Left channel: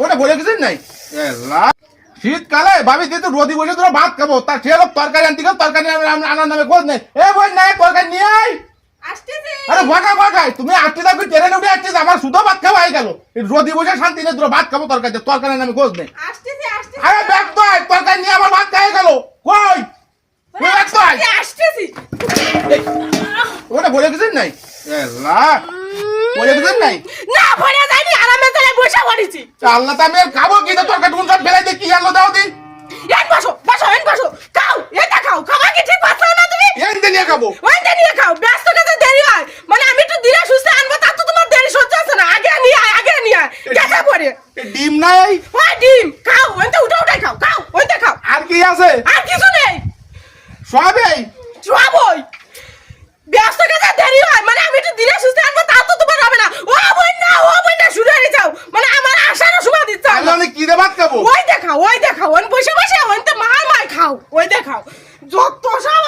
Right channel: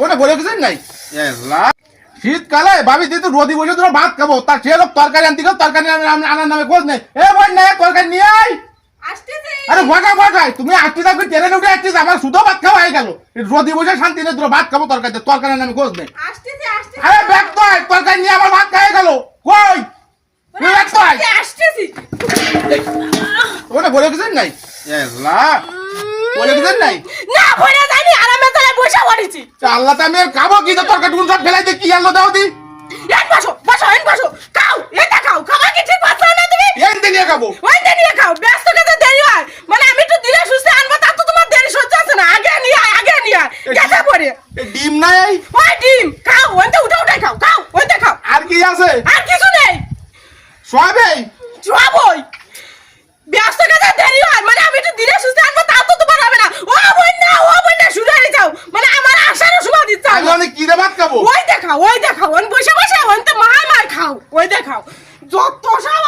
ওটা বলে কিছু নাই শীতকালে ভাবি দিয়ে তো রোদি বসে তোরা ভাত খাবো তার সে লোক তরকারি আনতে গেল তরকারি আনার নামে খোঁজ নেই এ বোন নাই তরকারি নিয়ে আয় আরে ভাগা ভাগাই তুমি আসতে থাকবে ট্রেনে উঠে আসছিস আমার শুধু ভাত খাওয়া হয়ে গেল রোদি বসে শান্তি নেই তোরা ভাত খাবো তরকারি নামে খোঁজ নেই আরে ব্যাগ তো আয় তরকারি নিয়ে আমার ভাত খাই গেল কই তুই ব্যাগ তো আয় ওটা বলে কিছু নাই বলে কিছু নাই না ভরে যায়নি আরামে তালে বসে পড়েছি আল্লাহ তা আমি খাবো কি তো তরকারি টুন সব ফেলাই দিয়ে কি আনলো দাও দি এন বসো খাও এটা খাও খাবার কি ঠিক পাচ্ছ না তুমি এন দিয়ে খাবো ওই নিয়ে খাও ব্যস্ত কাজে দেরি হয় মানে আমি একটু ধীরে সুস্থে আনবো তা তো তোমার দেরি সহ্য আছে না আগে নিয়ে দেখা পড়ে ডিম নাই ওই ডিম খাও ওইটা উঠাই খাও ওইটা খাও আর কি আছে আর কিছু নেই সবই সবই ব্যস্ত কাজে দেরি হয় মানে আমি একটু ধীরে সুস্থে আনবো তা তো তোমার হবে না ও বই না শুরু হয়ে যাও মানে আমার আশারও সময় দিচ্ছে আমি কি দিয়ে ভাত খাবো ওই দেখাও ওই বসে ওই তো মা খাও ওই দেখাও যত সব